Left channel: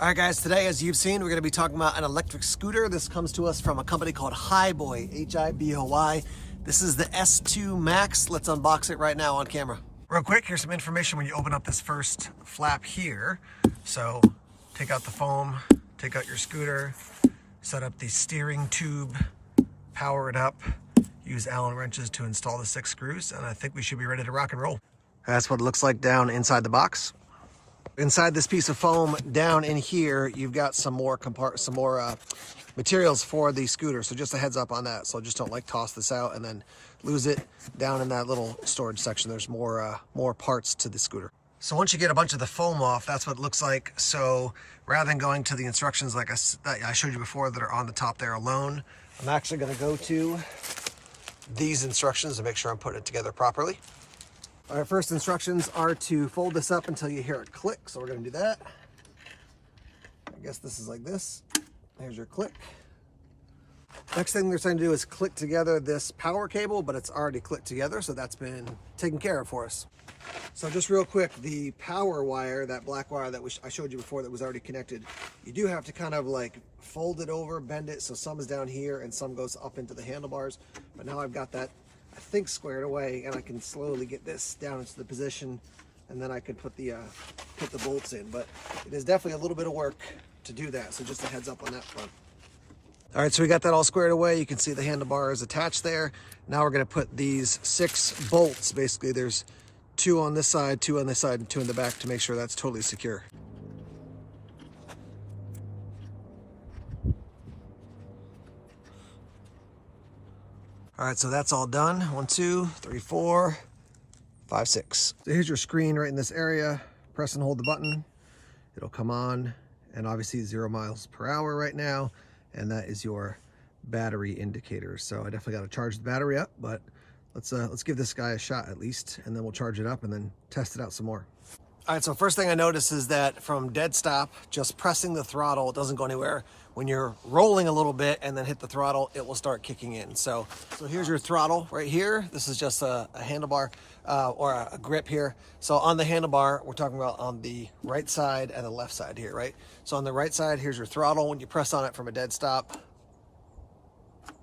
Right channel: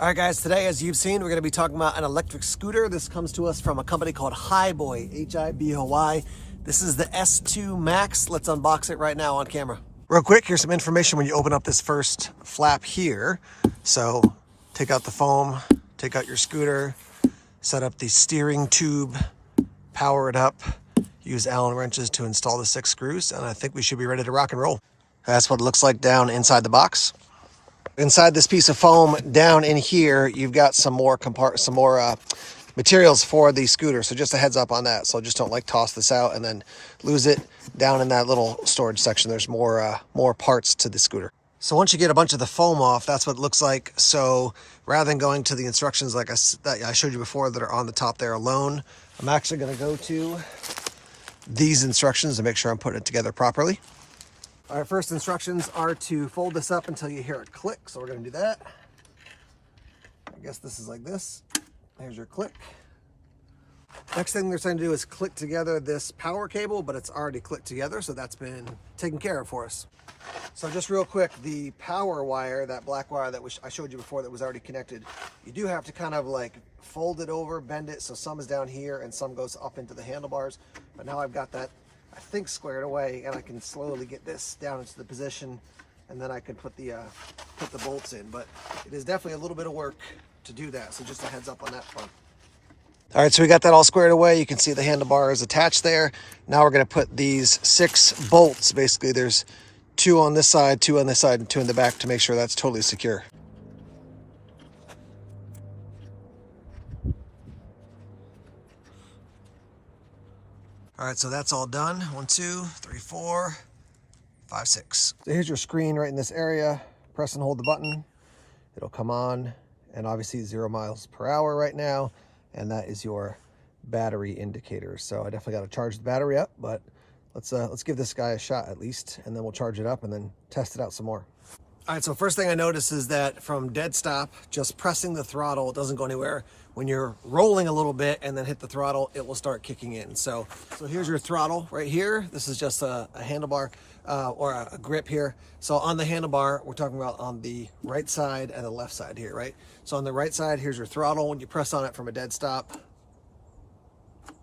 All right, guys, today, as you've seen, we're going to be talking about an electric scooter. This comes to us from a company called Hiboy, H-I-B-O-Y. This is the S2 Max. Let's unbox it right now on camera. Real quick, here's some information when you open up this first flap here. So take out the foam, take out your scooter, set up the steering tube, power it up, use Allen wrenches to install the 6 screws, and I think we should be ready to rock and roll. That's what it looks like down inside the box. Inside this piece of foam down in here, you've got some more materials for the scooter. So just a heads up on that. So just don't like toss this out and then lose it. Down in that little storage section, there's more parts to the scooter. So once you get a bunch of the foam off, that's what it looks like. So rather than going to the instructions like I showed you before that are on the top there alone, I'm actually going to go to these instructions to make sure I'm putting it together properly. All right, first instructions are to fold this up until you hear it click. So we're going to do that. I guess this is like this. There's your click. Next thing they're saying to do is click together this power cable, but it's already clicked together. So that's been taken care of for us. So just real quick, the power wire, that black wire that I showed you before that was already connected, you do have to kind of like fold it over, bend it. So some is down here and some goes up into the handlebars. But now I've got that, I think, squared away, and I can slowly get this down into the position, and then I could put the bolts in. But it is definitely a little bit of work to do that, so just a heads up on that front. All right, so we got that all squared away. You can see the handlebar is attached there. Now we're going to put these 6 bolts. Basically, there's 2 on this side, 2 on this side, and 2 in the back to make sure that's totally secure. All right, so that's all done. 1, 2, 3, 4, 5, 6. So here's your screen right in this area. Press and hold the button. It'll come on, and obviously 0 miles per hour right now. And that is your battery indicator. So I definitely got to charge the battery up, but let's give this guy a shot at least, and then we'll charge it up and then test it out some more. All right, so first thing I noticed is that from dead stop, just pressing the throttle, it doesn't go anywhere. When you're rolling a little bit and then hit the throttle, it will start kicking in. So here's your throttle right here. This is just a handlebar or a grip here. So on the handlebar, we're talking about on the right side and the left side here, right? So on the right side, here's your throttle. When you press on it from a dead stop,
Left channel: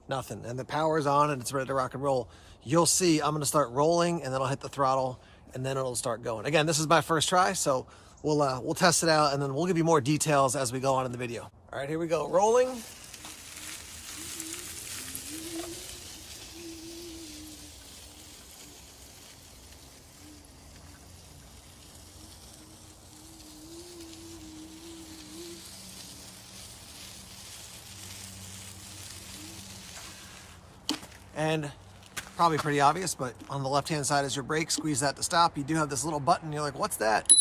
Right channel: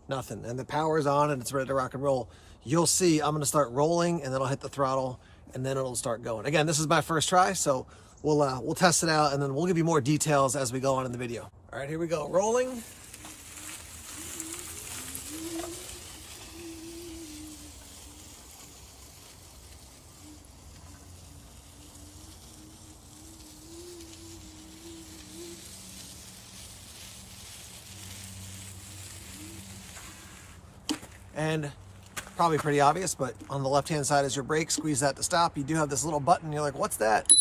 nothing. And the power is on and it's ready to rock and roll. You'll see I'm going to start rolling and then I'll hit the throttle and then it'll start going. Again, this is my first try, so we'll test it out and then we'll give you more details as we go on in the video. All right, here we go, rolling. And probably pretty obvious, but on the left-hand side is your brake. Squeeze that to stop. You do have this little button. You're like, what's that?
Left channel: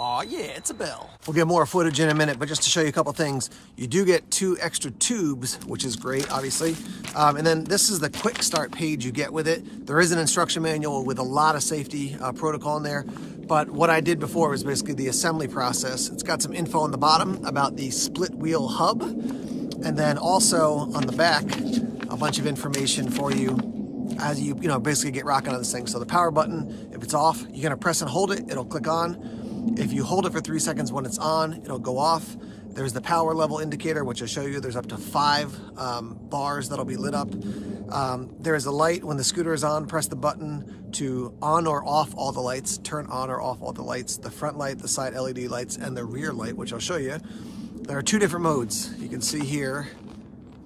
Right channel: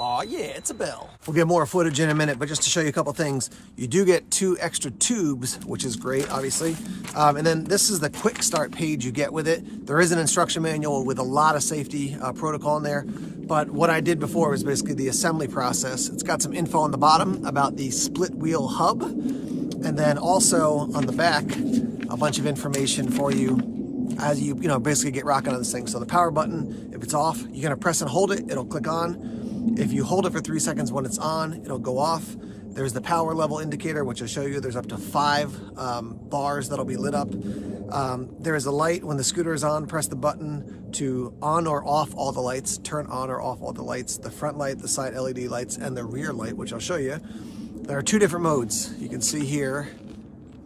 Oh yeah, it's a bell. We'll get more footage in a minute, but just to show you a couple things, you do get 2 extra tubes, which is great, obviously. And then this is the quick start page you get with it. There is an instruction manual with a lot of safety protocol in there. But what I did before was basically the assembly process. It's got some info on the bottom about the split wheel hub. And then also on the back, a bunch of information for you as you basically get rocking on this thing. So the power button, if it's off, you're gonna press and hold it, it'll click on. If you hold it for 3 seconds when it's on, it'll go off. There's the power level indicator, which I'll show you. There's up to 5 bars that'll be lit up. There is a light when the scooter is on. Press the button to on or off all the lights, turn on or off all the lights, the front light, the side LED lights, and the rear light, which I'll show you. There are 2 different modes. You can see here.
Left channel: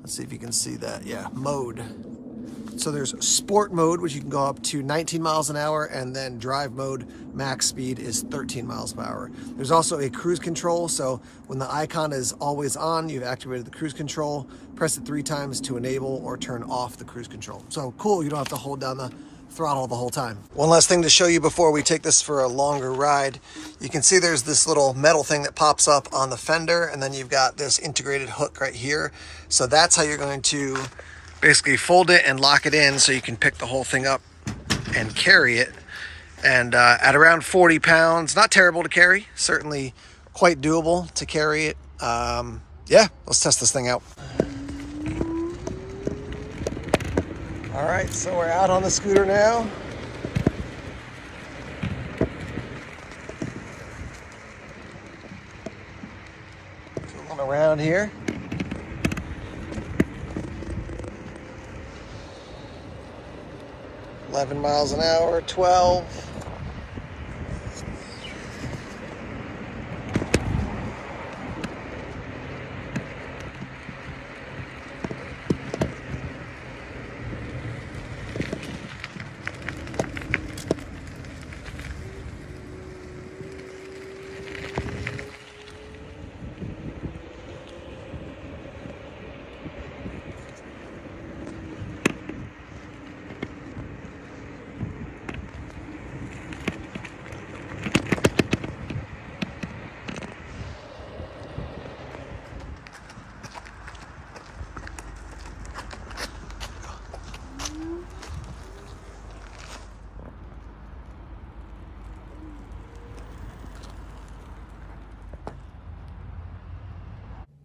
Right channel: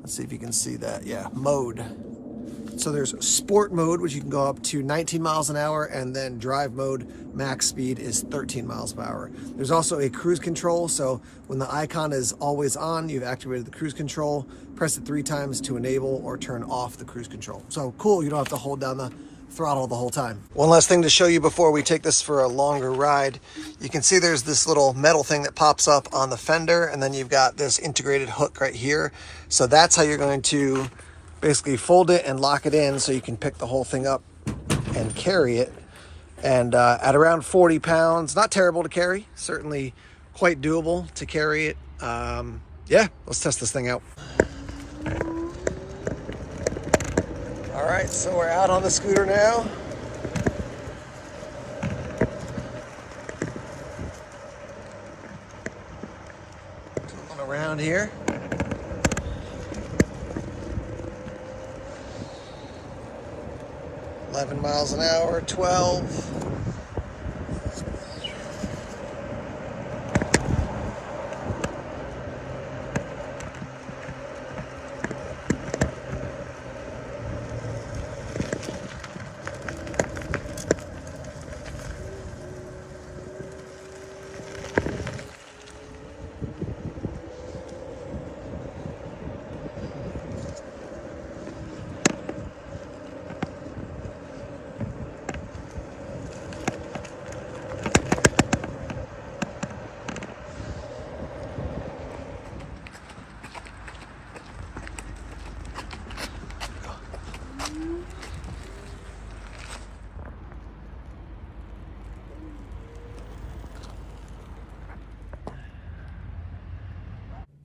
Let's see if you can see that. Yeah, mode. So there's sport mode, which you can go up to 19 miles an hour, and then drive mode, max speed is 13 miles per hour. There's also a cruise control. So when the icon is always on, you've activated the cruise control. Press it 3 times to enable or turn off the cruise control. So cool, you don't have to hold down the throttle the whole time. One last thing to show you before we take this for a longer ride. You can see there's this little metal thing that pops up on the fender, and then you've got this integrated hook right here. So that's how you're going to basically fold it and lock it in so you can pick the whole thing up and carry it. And at around 40 pounds, not terrible to carry, certainly quite doable to carry it. Yeah, let's test this thing out. All right, so we're out on the scooter now. On around here. $11 miles an hour, 12.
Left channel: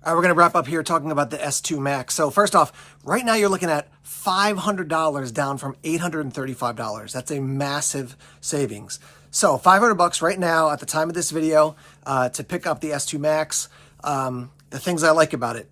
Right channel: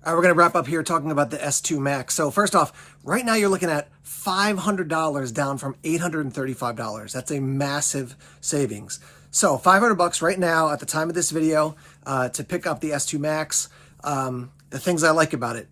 All right, we're going to wrap up here talking about the S2 Max. So first off, right now you're looking at $500 down from $835. That's a massive savings. So $500 right now at the time of this video to pick up the S2 Max. The things I like about it,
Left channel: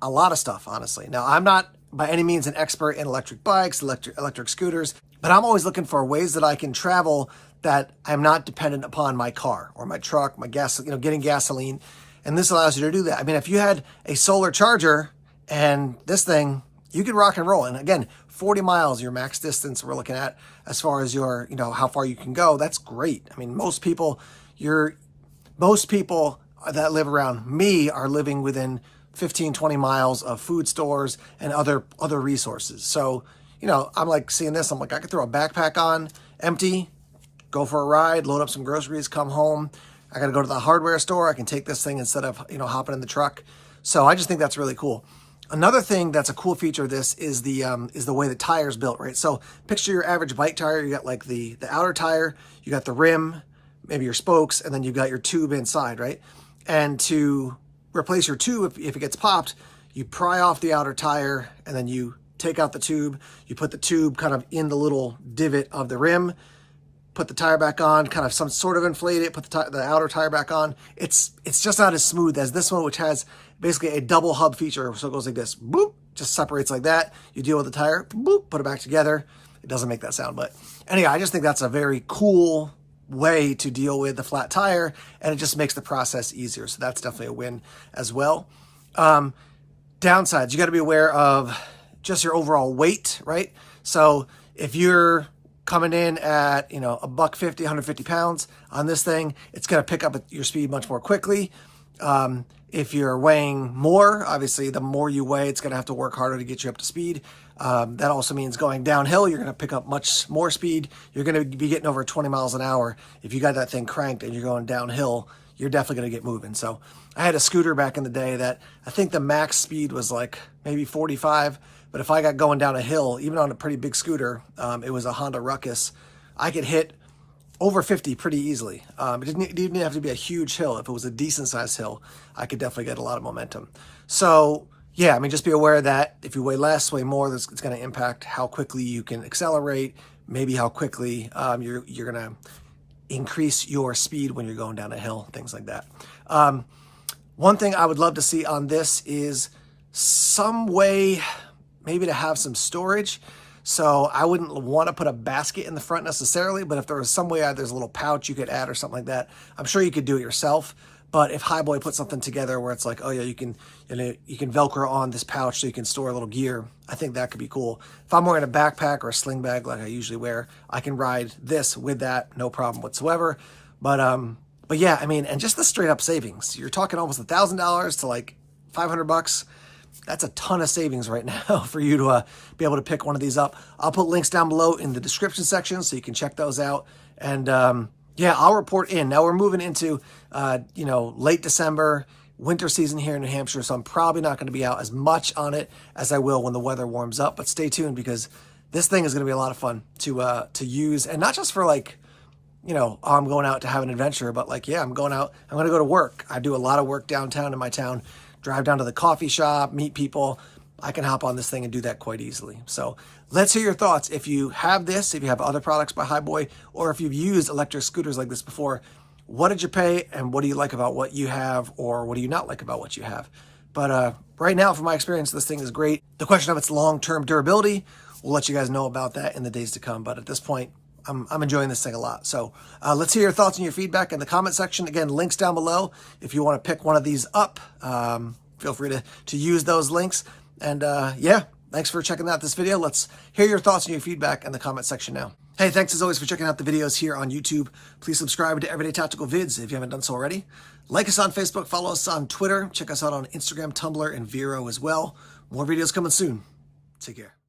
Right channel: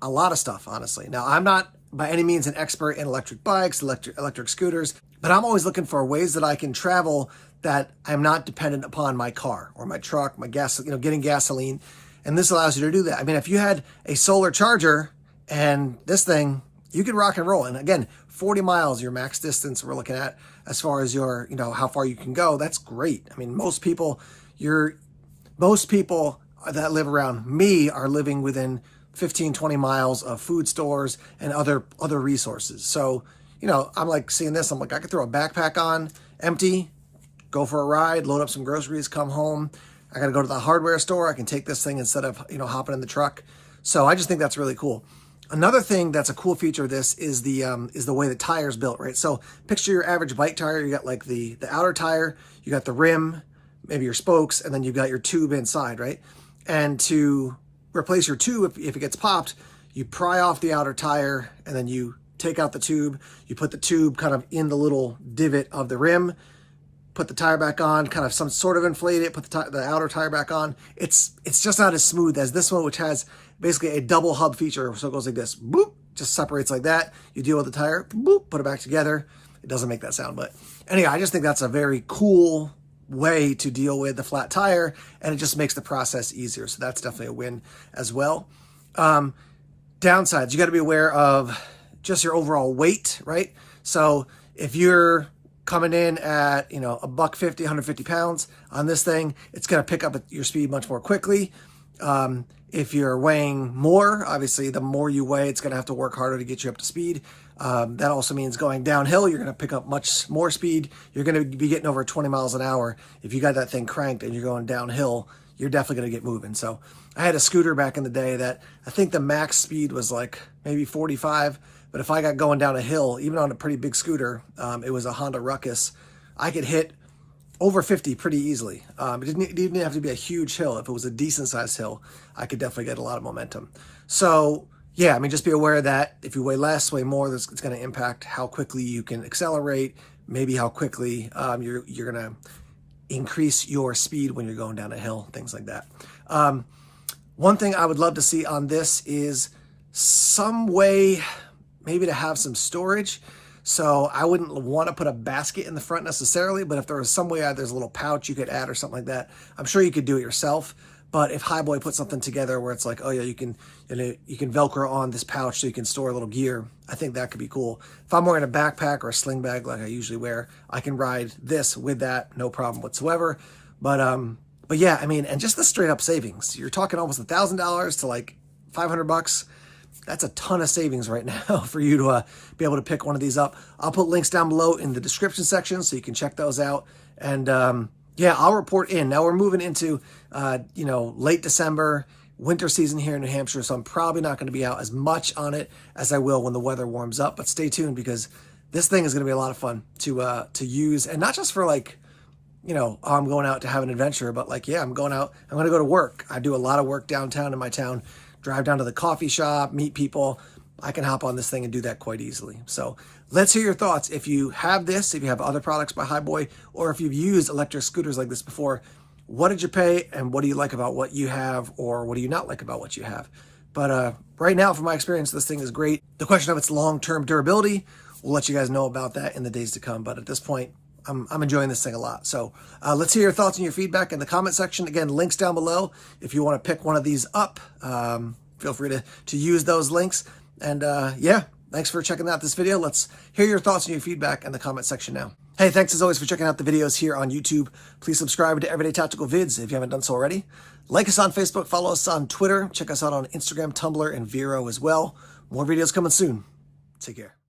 a lot of stuff, honestly. Now, I'm not by any means an expert in electric bikes, electric scooters, but I'm always looking for ways that I can travel that I'm not dependent upon my car or my truck, my gas, getting gasoline. And this allows you to do that. I mean, if you had a solar charger and this thing, you could rock and roll. And again, 40 miles, your max distance we're looking at as far as your, how far you can go. That's great. I mean, most people that live around me are living within 15, 20 miles of food stores and other resources. So, I'm like seeing this, I'm like, I could throw a backpack on, empty, go for a ride, load up some groceries, come home. I got to go to the hardware store. I can take this thing instead of, hopping in the truck. So I just think that's really cool. Another thing that's a cool feature of this is the way the tire's built, right? So picture your average bike tire. You got like the outer tire, you got the rim, maybe your spokes, and then you've got your tube inside, right? And to replace your tube, if it gets popped, you pry off the outer tire and then you take out the tube. You put the tube kind of in the little divot of the rim, put the tire back on, kind of some sort of inflate it, put the outer tire back on. It's just not as smooth as this one, which has basically a double hub feature. So it goes like this, boop, just separates like that. You deal with the tire, boop, put it back together. It doesn't make that sound, but anyway, I just think that's a very cool way to deal with the flat tire, and it just makes the process easier. So that's definitely a win as well. Downsides, you got to be aware of just your overall weight, right? So if you're coming in at, $150, 150 pounds on this thing, it's going to pick up your speed much more quickly. If you're weighing more, obviously the more you weigh, it's going to have to work harder to get you up to speed. That also means going downhill, you're going to pick up much more speed. You're going to be getting over 20 miles an hour. If you got that thing cranked and you're going downhill, you're definitely going to get moving. So I had a scooter back in the day that I think the max speed was like maybe 45. But if I got going down a hill, even on a pretty big scooter, it was a Honda Ruckus, I could hit over 50 pretty easily. It didn't even have to be a huge hill. If it was a decent sized hill, I could definitely get a lot of momentum. So yeah, I mean, just be aware that if you weigh less, weigh more, it's going to impact how quickly you can accelerate, maybe how quickly you're going to increase your speed when you're going down a hill, things like that. One thing I would love to see on this is some way maybe to have some storage. So I wouldn't want to put a basket in the front necessarily, but if there was some way there's a little pouch you could add or something like that, I'm sure you could do it yourself. But if Hiboy put something together where it's like, oh yeah, you can Velcro on this pouch so you can store a little gear, I think that could be cool. If I'm wearing a backpack or a sling bag like I usually wear, I can ride this with that, no problem whatsoever. But yeah, I mean, and just the straight up savings, you're talking almost $1,000 to like $500. That's a ton of savings right now for you to be able to pick one of these up. I'll put links down below in the description section so you can check those out. And yeah, I'll report in. Now we're moving into, late December, winter season here in New Hampshire. So I'm probably not going to be out as much on it as I will when the weather warms up. But stay tuned because this thing is going to be a lot of fun to use. And not just for like, I'm going out to have an adventure, but like, yeah, I'm going to go to work. I do a lot of work downtown in my town. Drive down to the coffee shop, meet people. I can hop on this thing and do that quite easily. So let's hear your thoughts. If you have this, if you have other products by Hiboy, or if you've used electric scooters like this before, what did you pay and what do you like about what you have, or what do you not like about what you have? But right now, from my experience, this thing is great. The question of its long-term durability, we'll let you guys know about that in the days to come. But at this point, I'm enjoying this thing a lot. So let's hear your thoughts and your feedback in the comment section. Again, links down below. If you want to pick one of these up, feel free to use those links. And yeah, thanks for checking out this video. Let's hear your thoughts and your feedback in the comment section now. Hey, thanks as always for checking out the videos here on YouTube. Please subscribe to Everyday Tactical Vids if you haven't done so already. Like us on Facebook, follow us on Twitter, check us out on Instagram, Tumblr, and Vero as well. More videos coming soon. Take care.